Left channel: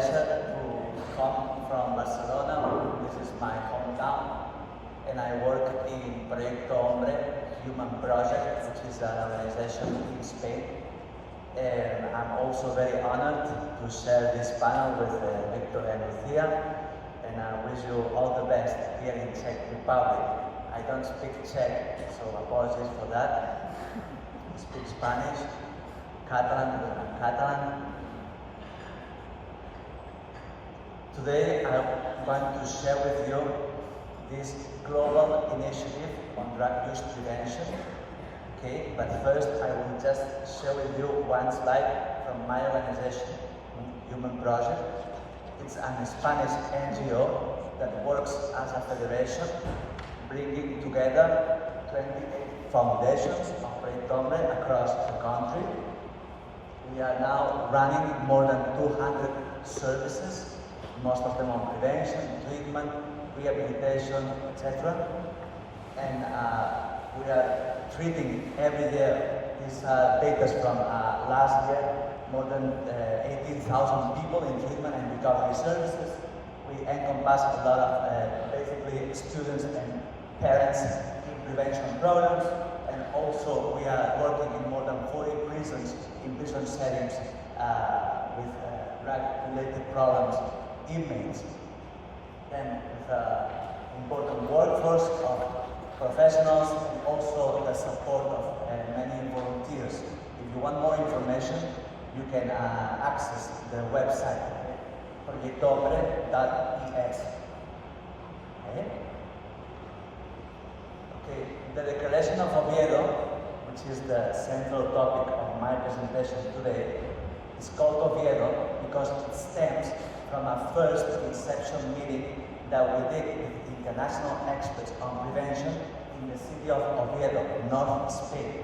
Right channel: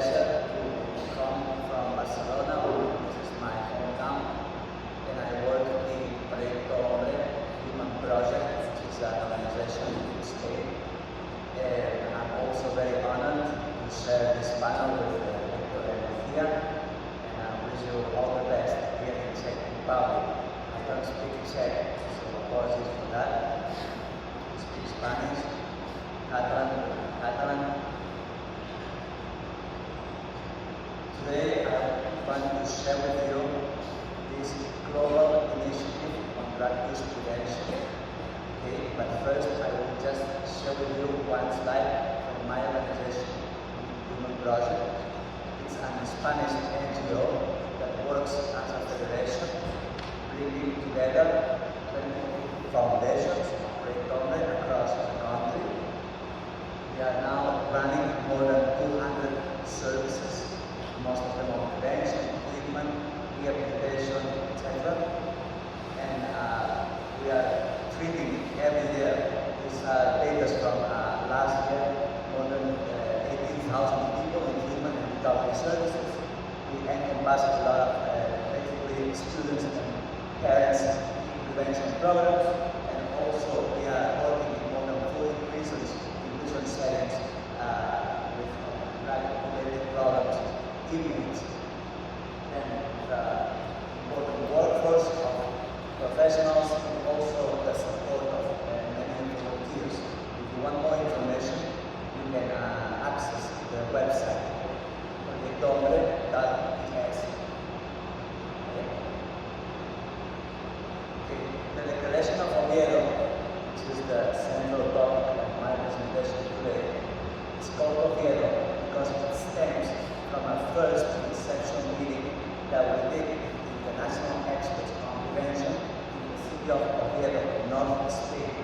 pleasure to come from Barcelona. This is my hometown, and I work in Proyecto Hombre, human project, which is an organization in Spain. And I'm also very honored to share this panel with Victor and Lucia, and I wish you all the best here in Czech Republic. I don't speak Czech, so apologies for that. I speak Spanish, Catalan. Today I want to share with you this global initiative on drug use prevention. Okay, but first I will just share with you one slide from my organization, Human Project. It's an Spanish NGO that works as a federation, bringing together 20 foundations of Hombre across the country. We are now running more than 200 services, most of them on prevention, treatment, rehabilitation, etc. And we are treating every year. This data from last year, more than 18,000 people in treatment and recovery services. We encompass a lot of basically students and parents in prevention programs, and also we are working in more than 40 prisons in different settings with drug-related problems, inmates, and important workforce of professionals, and also the support of many volunteers. If you want more information, you can access the website proyectohombre.es. Okay. The Declaration of Oviedo, which is the central topic of my presentation today, is called Oviedo because it stems from our first inception meeting that we did with international experts on prevention in the city of Oviedo, north Spain.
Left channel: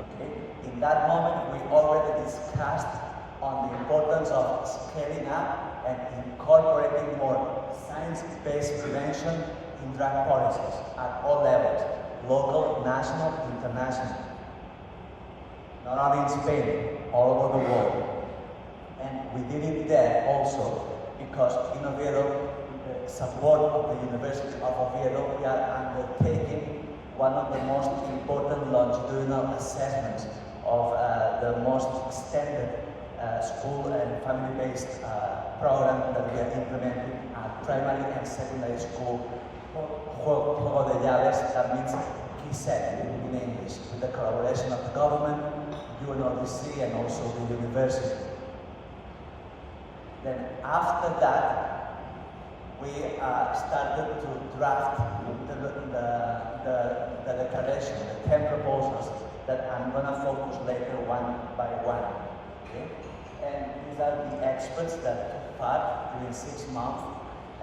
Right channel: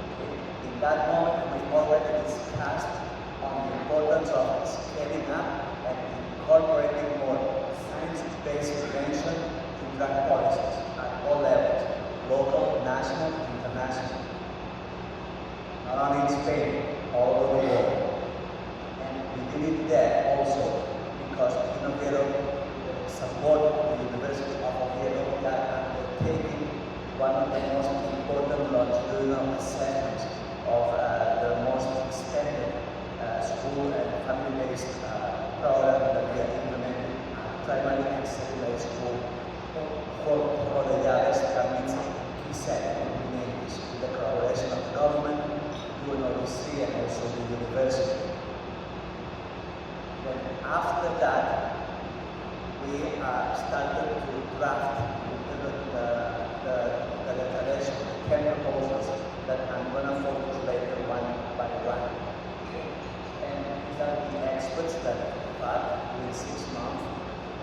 Okay. In that moment, we already discussed on the importance of scaling up and incorporating more science-based prevention in drug policies at all levels, local, national, international. Not only in Spain, all over the world. And we did it there also because in Oviedo, with the support of the University of Oviedo, we are undertaking one of the most important longitudinal assessments of the most extended school and family-based program that we are implementing at primary and secondary school for the years. That means key set in English, the collaboration of the government, UNODC, and also the university. Then after that, we started to draft the declaration, the 10 proposals that I'm going to focus later one by one. Okay? And these are the experts that part within 6 months,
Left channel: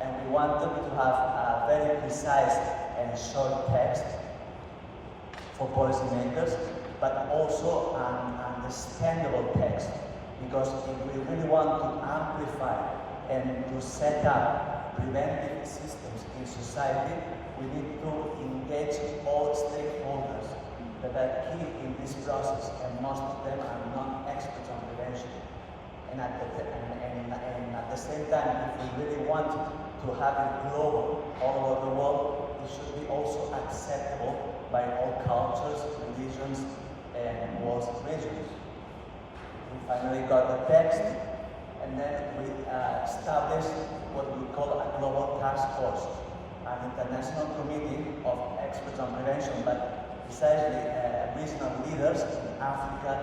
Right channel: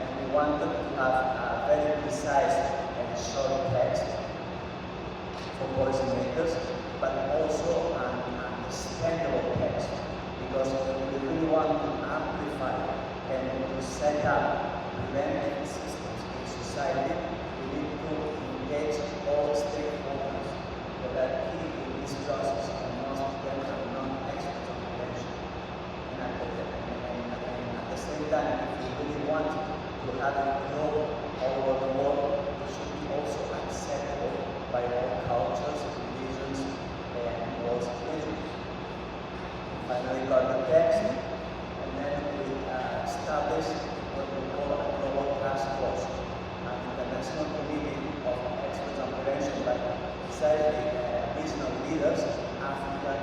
and we wanted to have a very precise and short text for policymakers, but also an understandable text, because we really want to amplify and to set up preventive systems in society. We need to engage all stakeholders that are key in this process, and most of them are non-experts on prevention. And at the same time, if we really want to have it grow all over the world, it should be also acceptable by all cultures, religions, and all situations. We finally got the text, and then we established what we call a global task force, an international committee of experts on prevention, but essentially regional leaders in Africa,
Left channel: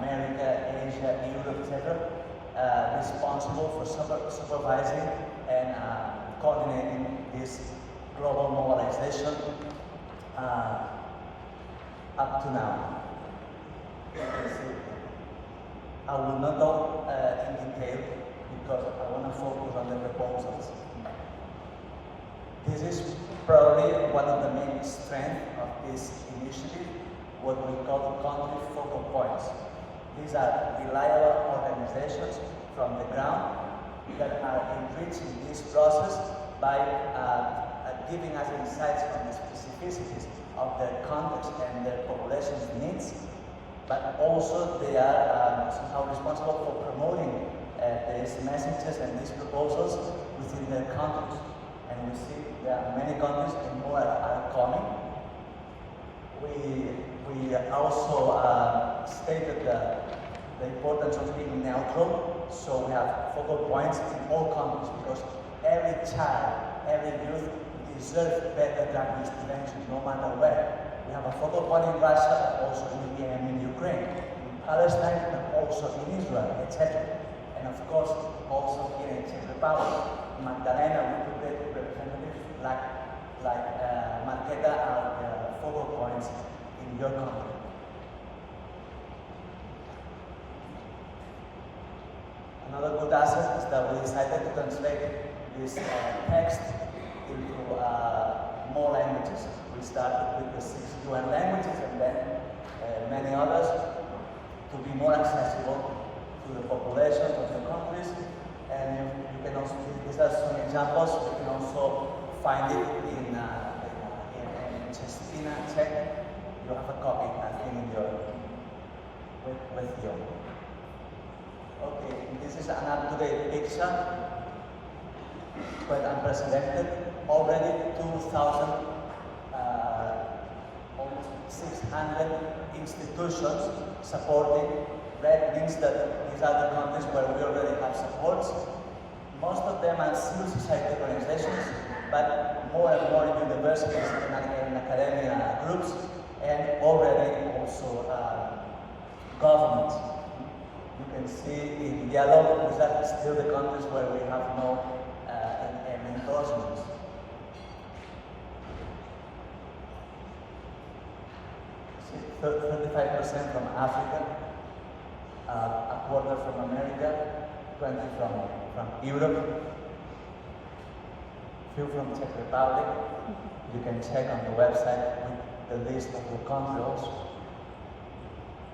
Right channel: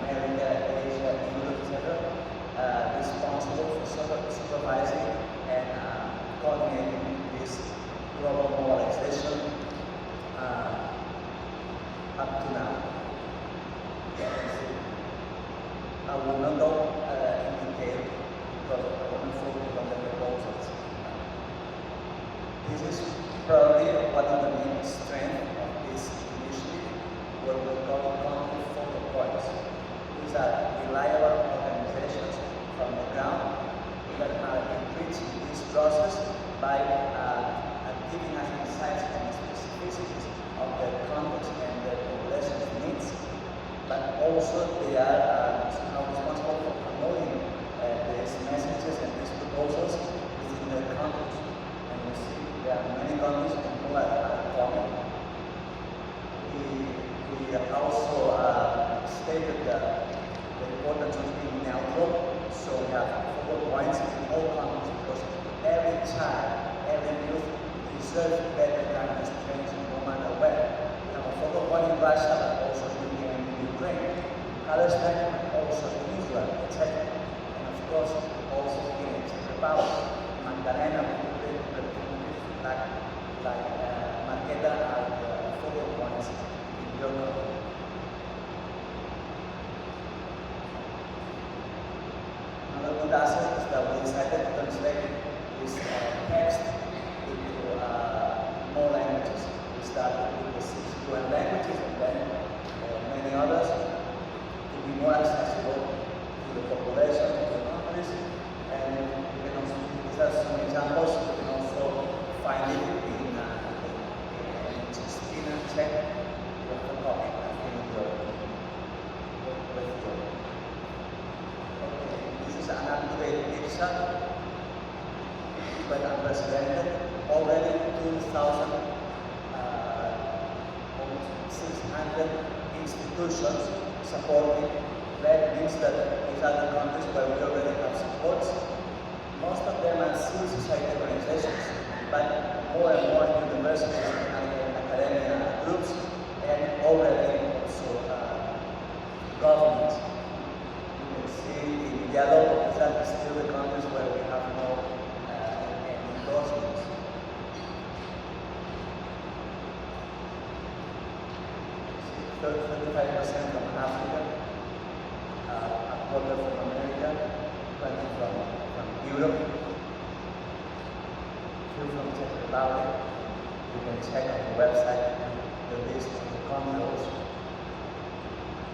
America, Asia, Europe, etc., responsible for supervising and coordinating this global mobilization up to now. I will not go in detail because I want to focus on the proposals. This is probably one of the main strengths of this initiative, what we call country focal points. These are reliable organizations from the ground that are enriching this process by giving us insights on the specificities of the context and the population's needs, but also they are somehow responsible for promoting these messages and serve better than this prevention no matter where. We have a focal point in Russia, but also in India and in Ukraine. Palestine, but also in Israel, etc. And of course, also here in Czech in Magdalena, like Marketa are the focal points in your country. Another good asset is that we decided to translate this text into more languages. We started with the 61 languages and then many others to be more accessible to the population of the countries. And you can also, these are some examples, you can also find it in Czech. You have a copy in your with you. Okay, this is an up-to-date picture, but unprecedented. Already 2,600 institutions supporting. That means that these are the countries where we already have supports. Most of them are civil society organizations, but more and more universities and academia groups, and already also governments. You can see in yellow, these are still the countries where we have no endorsements. 35% from Africa, a quarter from America, 20% from Europe, 2% from Czech Republic. You can check on the website the list of the countries.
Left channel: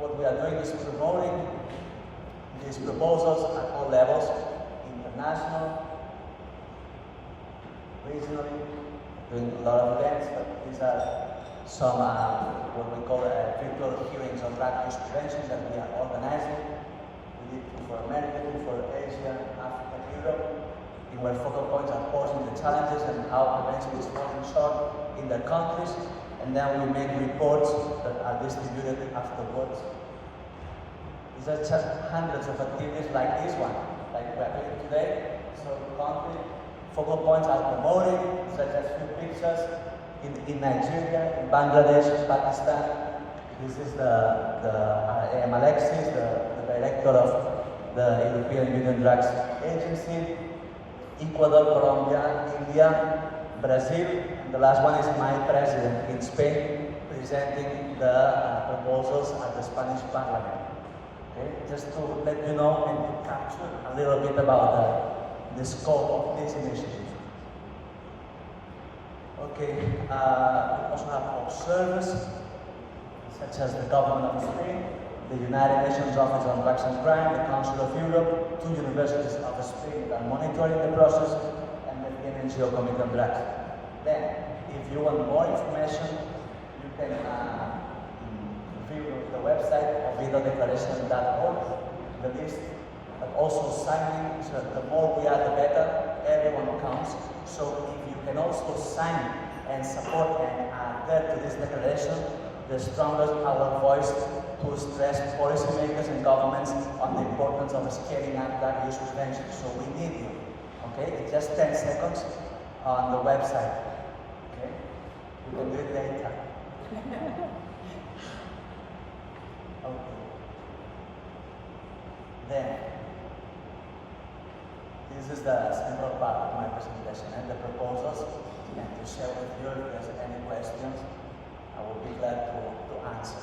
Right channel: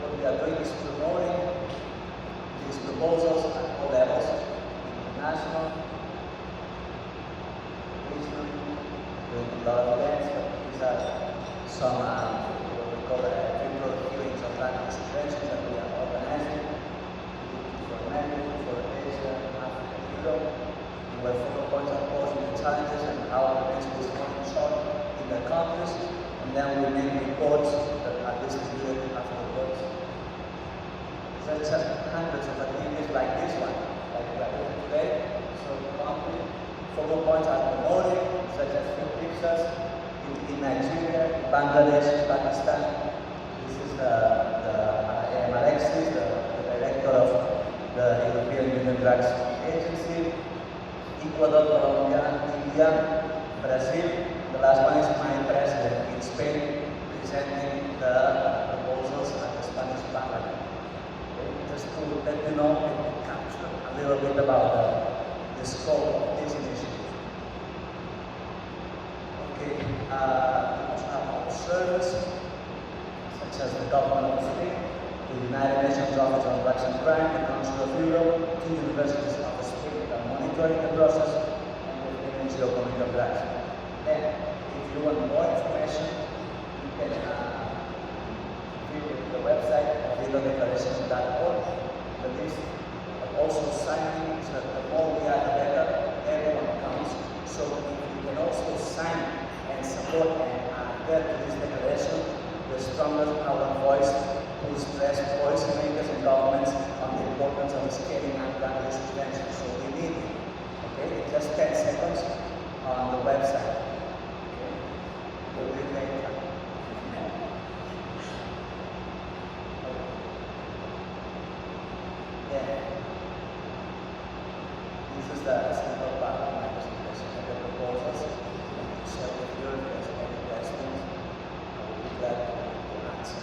What we are doing is promoting these proposals at all levels, international, regional, with a lot of events. These are some what we call virtual hearings on language prevention that we are organizing. We did for America, for Asia, Africa, Europe. And where focal points are posing the challenges and how prevention is taking shape in their countries. And then we make reports that are distributed afterwards. These are just hundreds of activities like this one, like we are doing today. So country focal points are promoting, such as few pictures in Nigeria, in Bangladesh, Pakistan. This is the Alexis, the director of the European Union Drugs Agency, Ecuador, Colombia, India, Brazil. The last one is my president in Spain, presenting the proposals at the Spanish Parliament. Okay? Just to let you know and capture a little bit about the scope of this initiative. Okay, observers, such as the government of Spain, the United Nations Office on Drugs and Crime, the Council of Europe, 2 universities of Spain are monitoring the process, and the Ministry of Committee on Drugs. Then, if you want more information, you can view the website declaration.org. But this also signing, so the more we are, the better. Everyone counts. So if you can also sign and support and get to this declaration, the stronger our voice to stress policymakers and governments on the importance of scaling up drug use prevention. So we need it. Okay, it's just 10 seconds on the website. Okay, we'll get later. Yeah. This is the central part of my presentation and the proposals. To share with you if there's any questions, I will be glad to answer.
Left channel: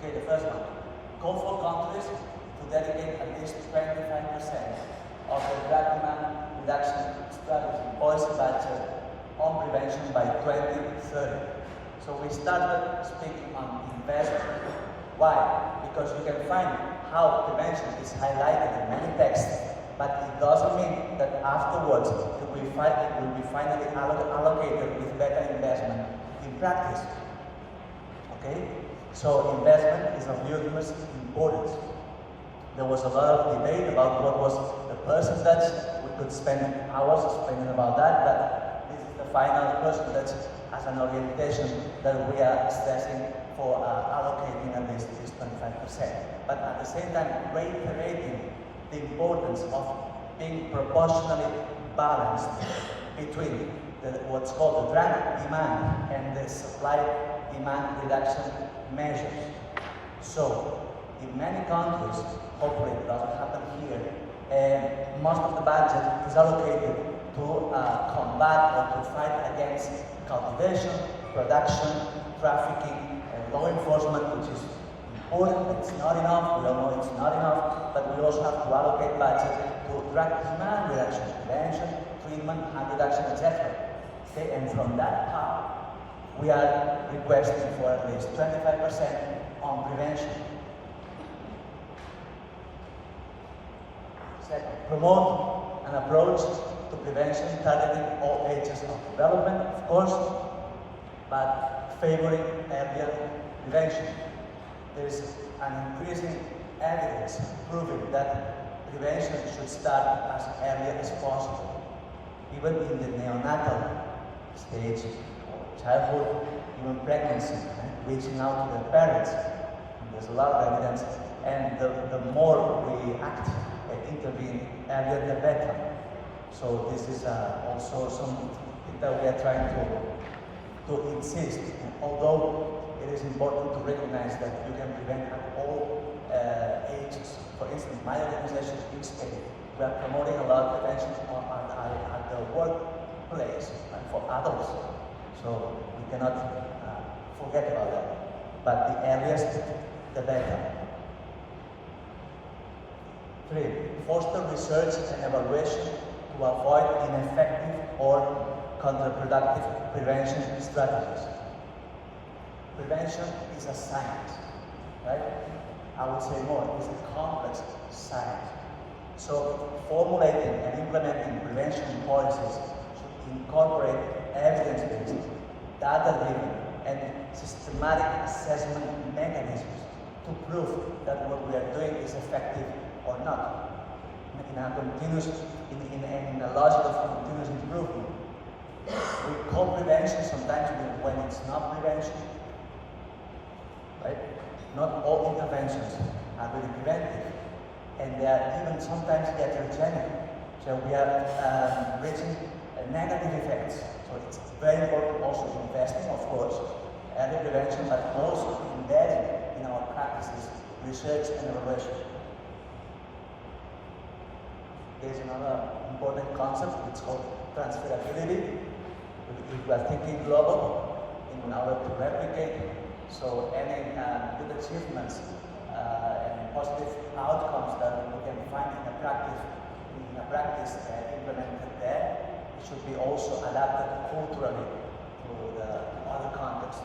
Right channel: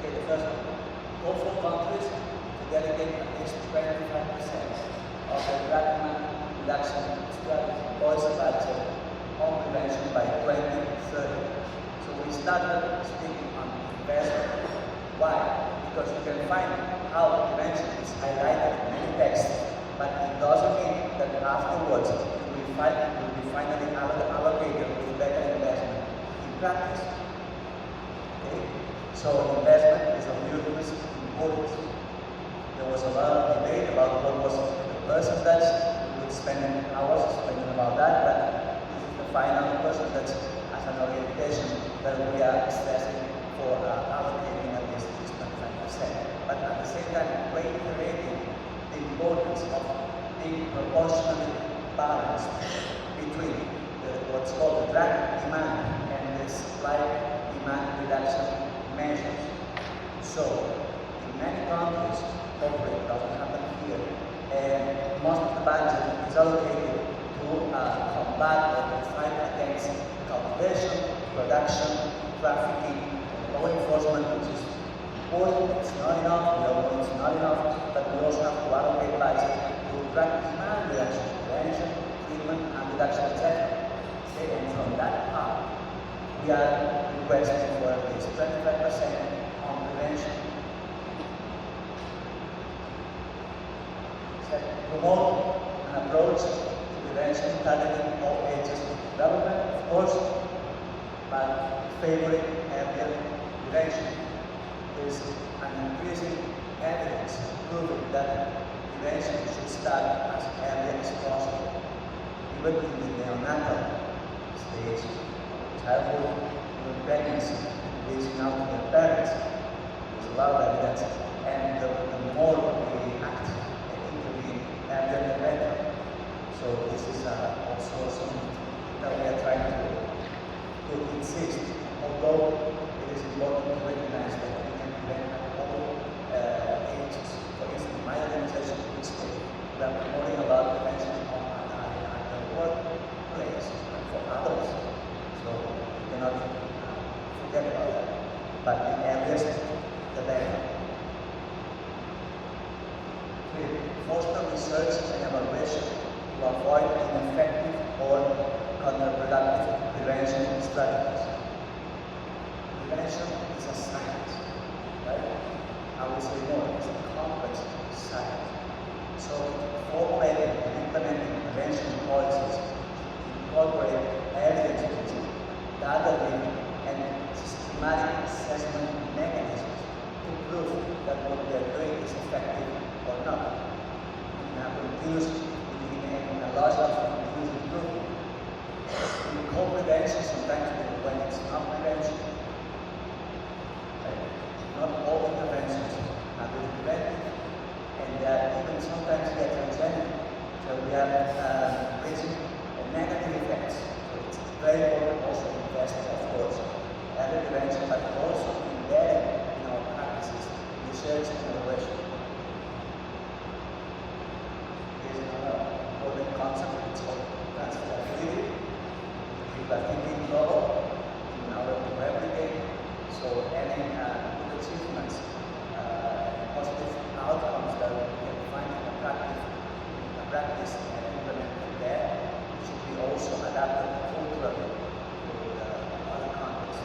Okay, the first one. Call for countries to dedicate at least 25% of the drug reduction strategy policy budget on prevention by 2030. So we started speaking on investment. Why? Because you can find how prevention is highlighted in many texts, but it doesn't mean that afterwards we finally allocated with better investment in practice. Okay? So investment is of huge importance. There was a lot of debate about what was the percentage. We could spend hours explaining about that, but this is the final percentage as an orientation that we are assessing for allocating at least 25%. But at the same time, reiterating the importance of being proportionally balanced between what's called the drug demand and the supply demand reduction measures. So, in many countries, hopefully it doesn't happen here, and most of the budget is allocated to combat or to fight against cultivation, production, trafficking, law enforcement, which is important. It's not enough, we know it's not enough, but we also have to allocate budget to drug demand reduction, prevention, treatment, and reduction, etc. Okay, and from that part, we are requesting for at least 25% on prevention. Second, promote an approach to prevention targeting all ages of development, of course, but favoring earlier prevention. There is an increasing evidence proving that prevention should start as early as possible, even in the neonatal stage, childhood, pregnancy, reaching out to the parents. There's a lot of evidence, and the more we act and intervene, earlier the better. So this is also something that we are trying to insist. Although it is important to recognize that we can prevent all ages. For instance, my organization, we are promoting a lot of prevention at the workplace for adults. So we cannot forget about that. But the earliest, the better. 3. Foster research and evaluation to avoid ineffective or counterproductive prevention strategies. Prevention is a science, right? I would say more, it's a complex science. So formulating and implementing prevention policies should incorporate evidence-based, data-driven, and systematic assessment mechanisms to prove that what we are doing is effective or not. In a continuous, in a logic of continuous improvement. We call prevention sometimes when it's not prevention. Right? Not all interventions are really preventive, and even sometimes iatrogenic. So we are facing negative effects. So it's very important also to invest, of course. Other preventions are also embedded in our practices, research and innovation. Here's another important concept, it's called transferability. If you are thinking global, in order to replicate, so any good achievements and positive outcomes that we can find in a practice and implemented there, should be also adapted culturally to other contexts.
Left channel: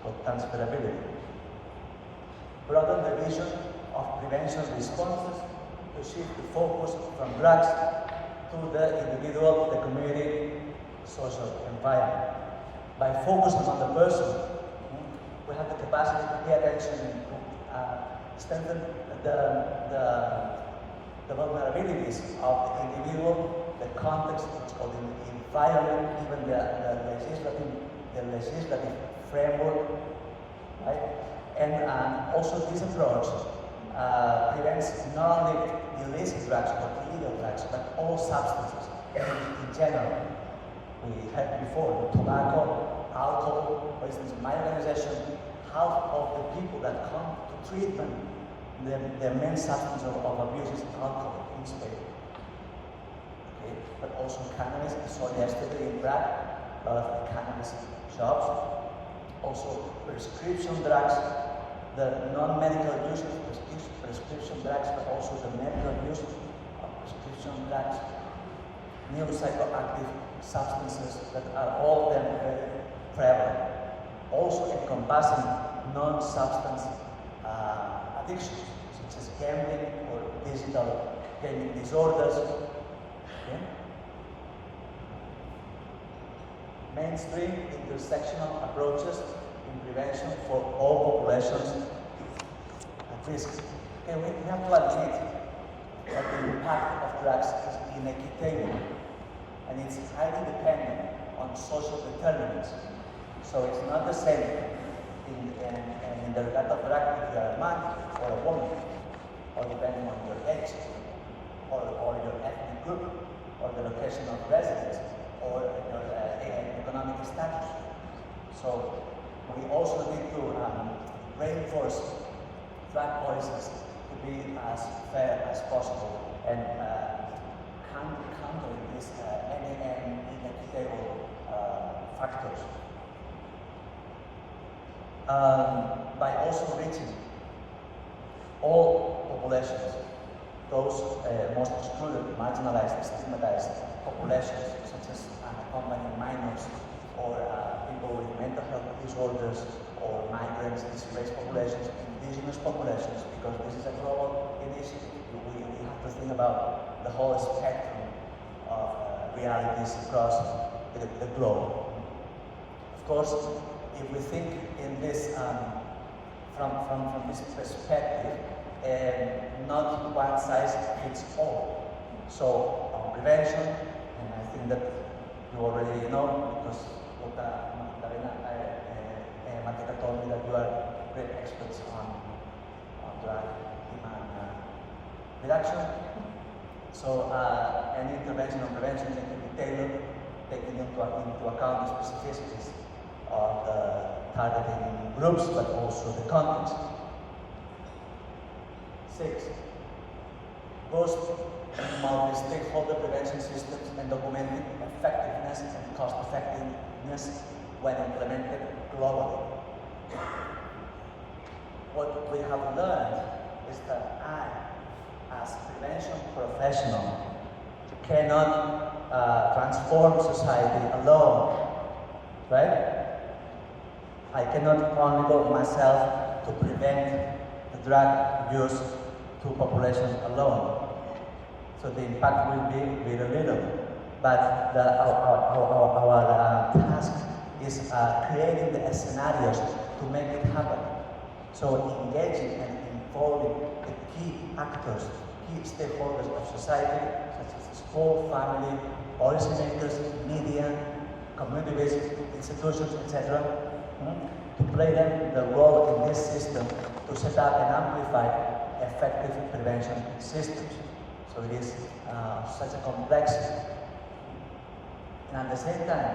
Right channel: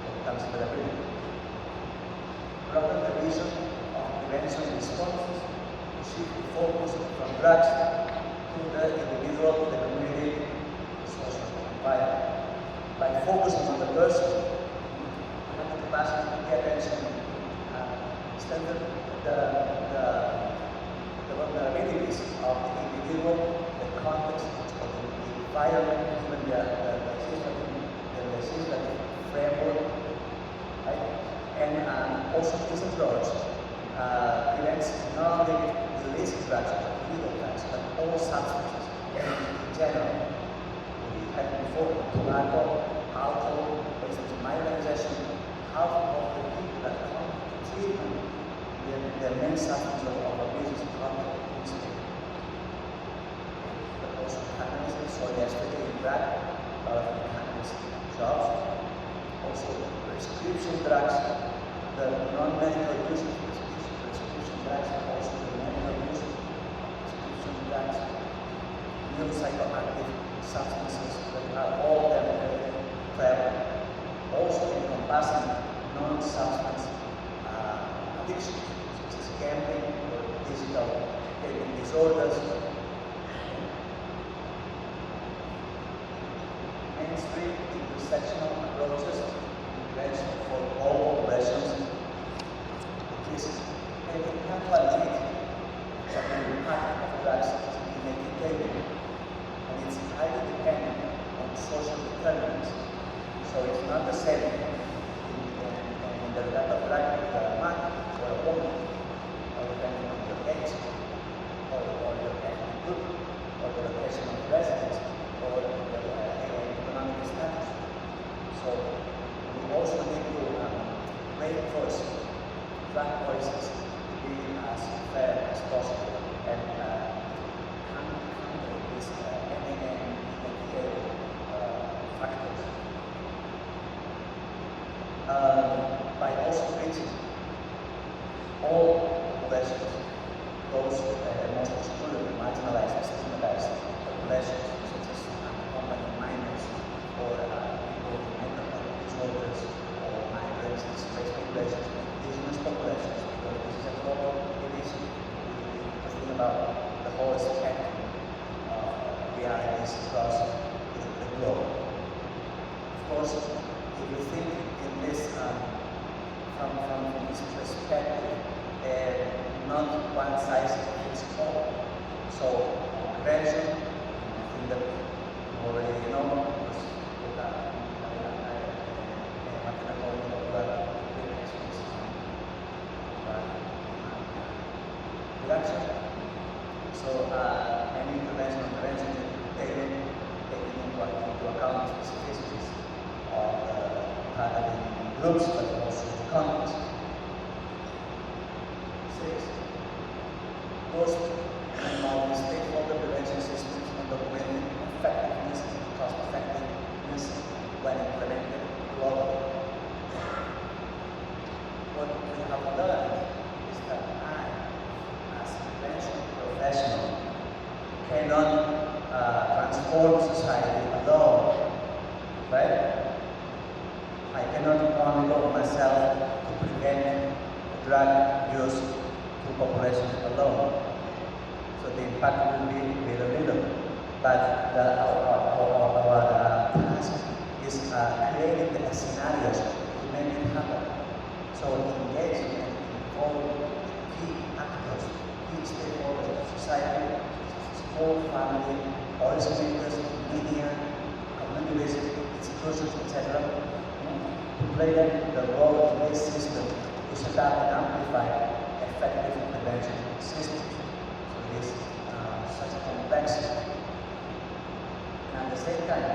So transferability. Broaden the vision of prevention responses to shift the focus from drugs to the individual, the community, social environment. By focusing on the person, we have the capacity to pay attention and strengthen the vulnerabilities of the individual, the context of the environment, even the legislative framework, right? And also this approach prevents not only illicit drugs, but illegal drugs, but all substances, and in general. We had before tobacco, alcohol, business, my organization, half of the people that come to treatment, the main substance of abuse is alcohol, instead. Also cannabis, so yesterday in fact, a lot of cannabis shops. Also prescription drugs, the non-medical use of prescription drugs, but also the medical use of prescription drugs, new psychoactive substances that are all very prevalent. Also encompassing non-substance addictions, such as gambling or digital gaming disorders. Mainstream intersectional approaches in prevention for all populations with risks. And we have to admit that the impact of drugs is inequitable, and it's highly dependent on social determinants. So it's not the same in the type of drug if you are a man or a woman, or depending on your age, or your ethnic group, or the location of residence. realities across the globe. Of course, if you think in this from this perspective, not one size fits all. So prevention, and I think that you already know, is reduction. So any intervention and prevention should be tailored, taking into account the specificities of the targeting groups, but also the context. 6. Boost the stakeholder prevention systems and documenting effectiveness and cost-effectiveness when implemented globally. What we have learned is that I, as a prevention professional, cannot transform society alone, right? I cannot only go myself to prevent the drug use to population alone. So the impact will be very little. But our task is creating the scenarios to make it happen. So engaging and involving key actors, key stakeholders of society, such as school, family, policymakers, media, community-based institutions, etc., to play the role in this system to set up and amplify effective prevention systems. So it is such a complexity. And at the same time,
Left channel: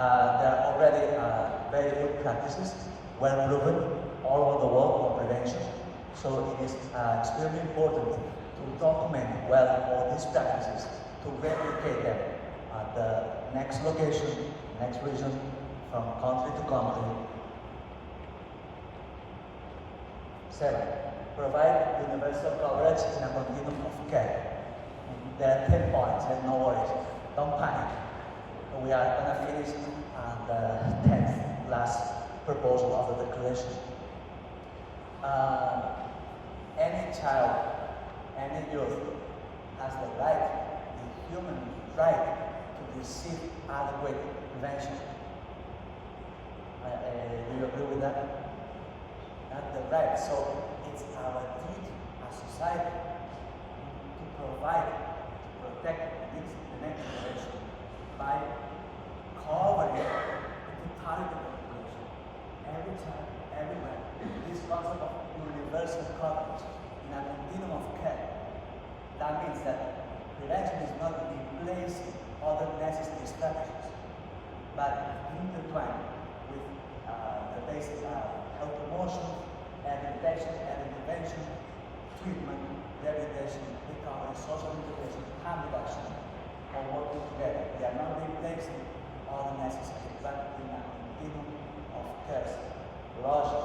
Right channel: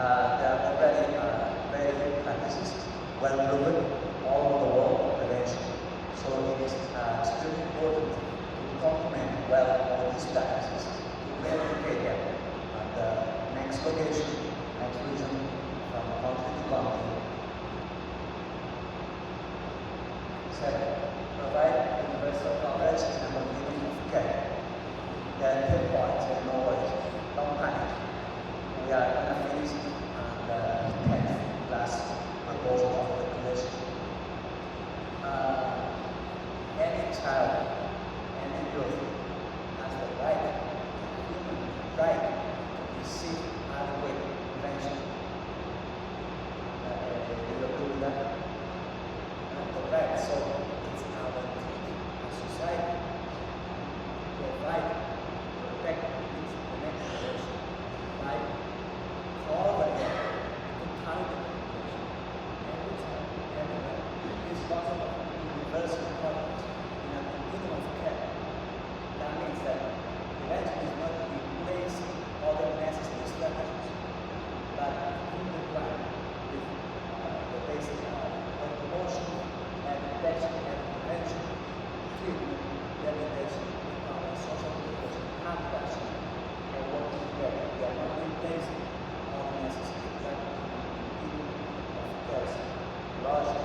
there are very good practices, well proven all over the world of prevention. So it is extremely important to document well all these practices to replicate the next location, next region, from country to country. 7. Provide universal coverage in the community of care. There are 10 points, and no worries, don't panic. We are going to finish the 10th last proposal of the declaration. Any child, any youth has the right, the human right, to receive adequate prevention. Do you agree with that? Right, so it's our duty as society to provide, protect, and the next generation by covering the target population. Every time, everywhere, this concept of universal coverage in a continuum of care. That means that prevention is not replacing other necessary strategies, but in the line with the basic promotion, detection and prevention, treatment, rehabilitation, recovery, social protection, and reduction are working together. They are not replacing other necessary practices in a continuum of care. Logic.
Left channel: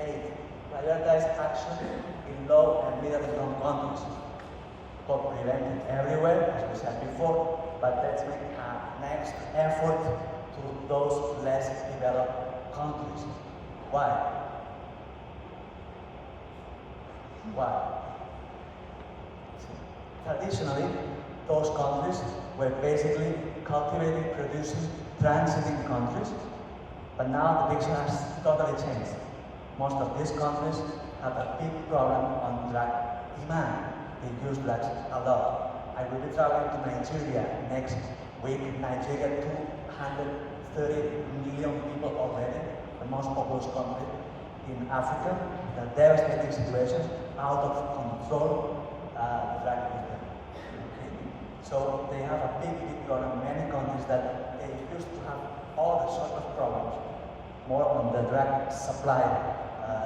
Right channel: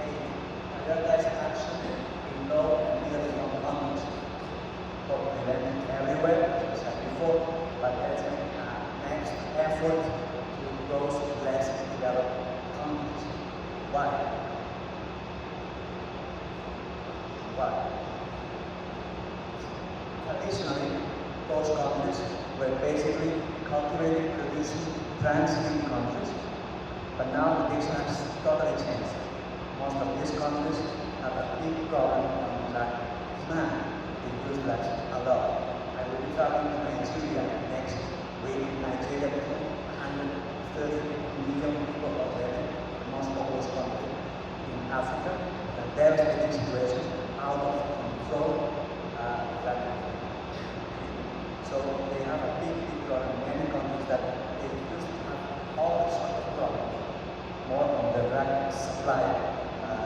8. Prioritize action in low and middle income countries. For preventing everywhere, as we said before, but let's make a next effort to those less developed countries. Why? Traditionally, those countries were basically cultivating, producing, transiting countries. But now the picture has totally changed. Most of these countries have a big problem on drug demand. They use drugs a lot. I will be traveling to Nigeria next week. In Nigeria, 230 million people already. Most populous country in Africa, the devastating situation, out of control, so they have a big problem in many countries that they used to have all the sort of problems, more on the drug supply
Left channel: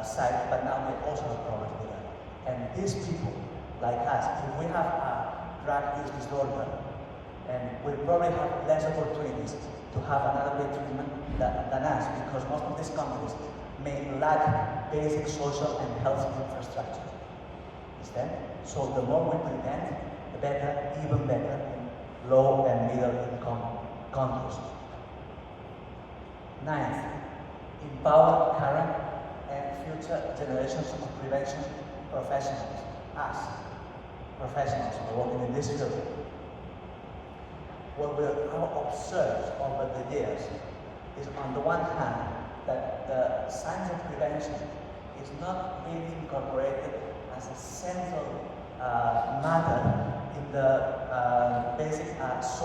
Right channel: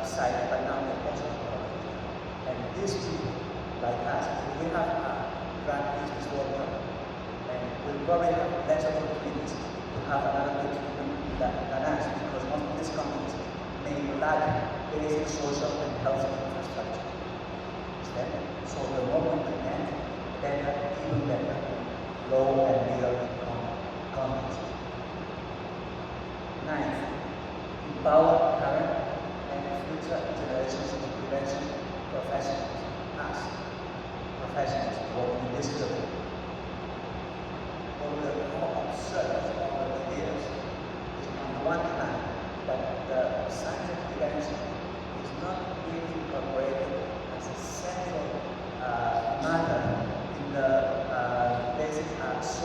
side, but now they also have problems with it. And these people, like us, if we have a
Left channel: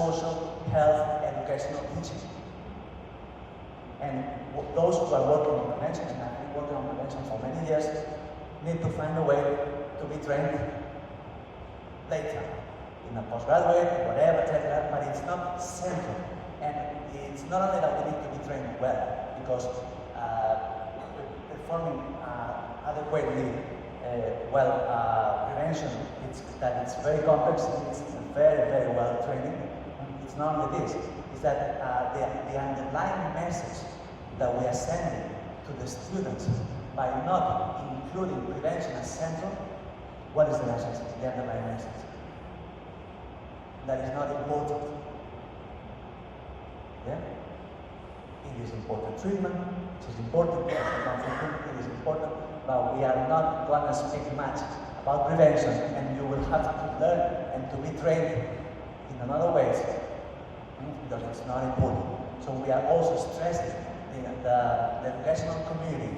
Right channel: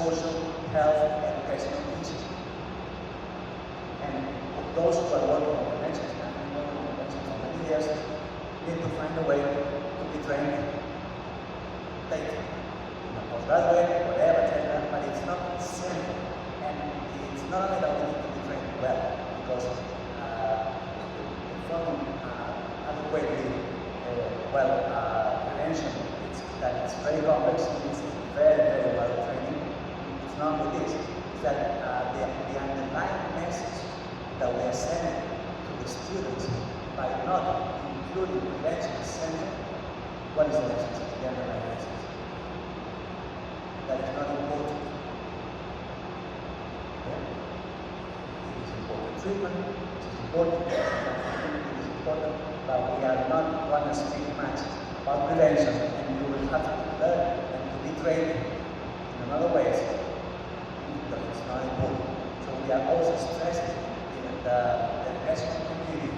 social, health, educational teaching. And those who are working on conventions, and have been working on conventions for many years, need to find a way to be trained later. In a postgraduate, whatever, etc., but it's not simple. And it's not only that we need to be trained well, because from adequately prevention, it's very complex, and it's very, very well trained. It's not only this, it's that the underlying message that we are sending to the students by not including prevention as central. What is the message? The underlying message. That is not important. Yeah? It is important treatment, it is important, it is important, but we are not going to speak much about prevention, and you will have to learn and to be trained in other ways that it's not important. So we are also stressing the educational community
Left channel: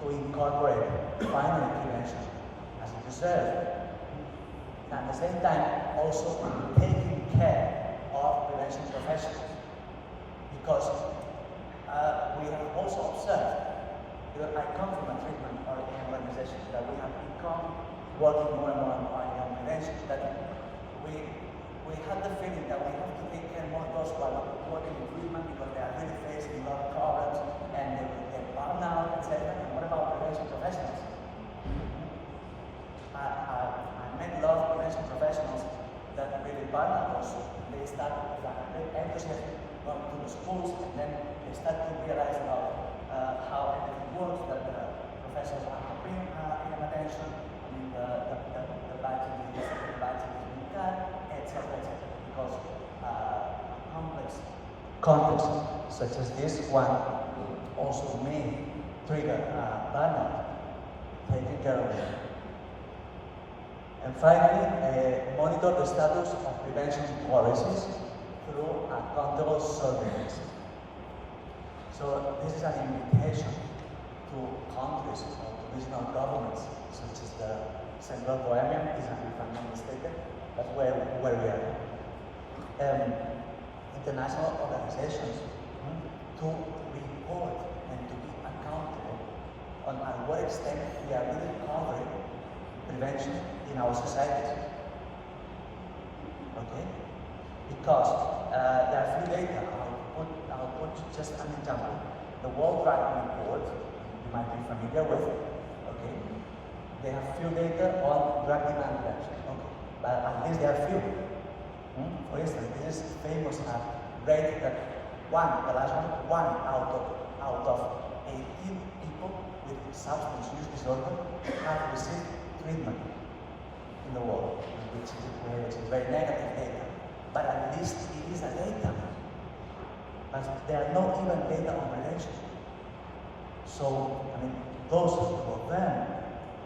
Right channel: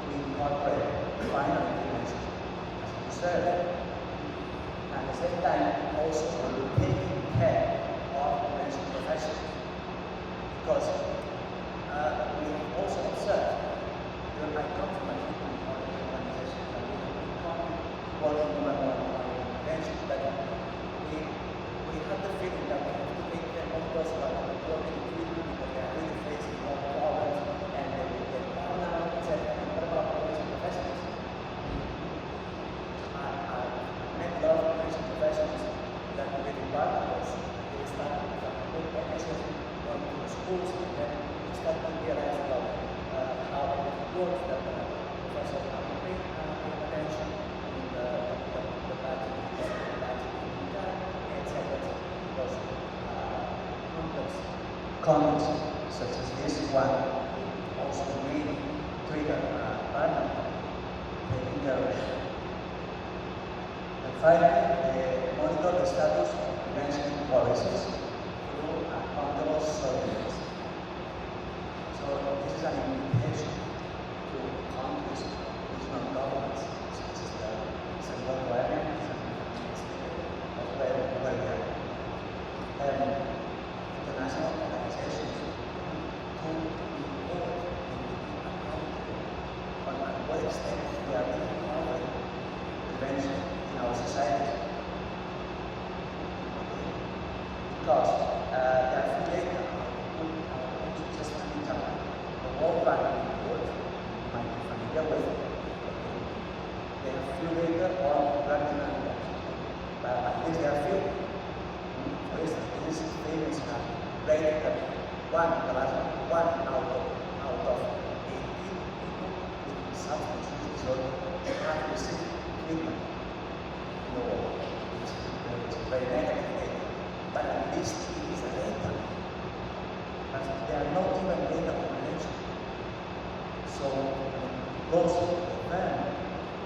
to incorporate primary prevention as a service. And at the same time, also taking care of prevention professionals. Because we have also observed, I come from a organization that we have become working more and more on prevention, that we have the feeling that we have to take care of those who are working in treatment because they are really facing a lot of problems and they are now, etc. And what about prevention professionals? I met a lot of prevention professionals that were really partners. They started with initiative going to the schools, and then we started to realize about how it works, that professors are paying attention, and the like to do this, the like to do that, etc. Because complex such as this one also may trigger burnout, taking care of them. And finally, monitor the status of prevention policies through accountable surveillance. So this is an invitation to countries, regional governments, such as the central government, if I'm not mistaken, as well as international organizations to report and to be accountable on what extent we are really covering prevention in our society. Okay? Because there are few data, just an example, the worldwide report, you might be familiar with, okay? They have few data on drug demand, but at least there are few. For instance, this famous rate that one out of 18 people with substance use disorder have received treatment in the world, which is very negative data. But at least it is a data. But there are not even data on prevention. So those of them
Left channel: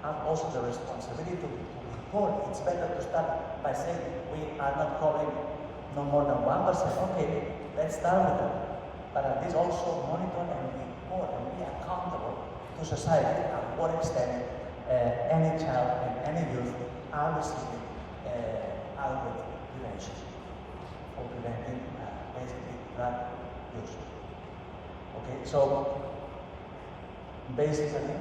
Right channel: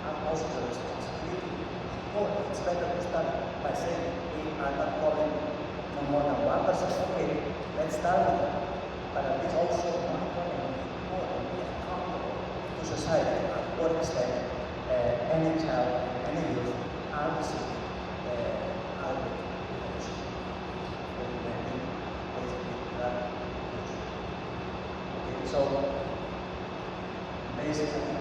have also the responsibility to report. It's better to start by saying we are not calling no more than 1%. Okay, let's start with that. But at least also monitor and report and be accountable to society at what extent any child and any youth are receiving adequate prevention for preventing basically drug use. Okay, so basically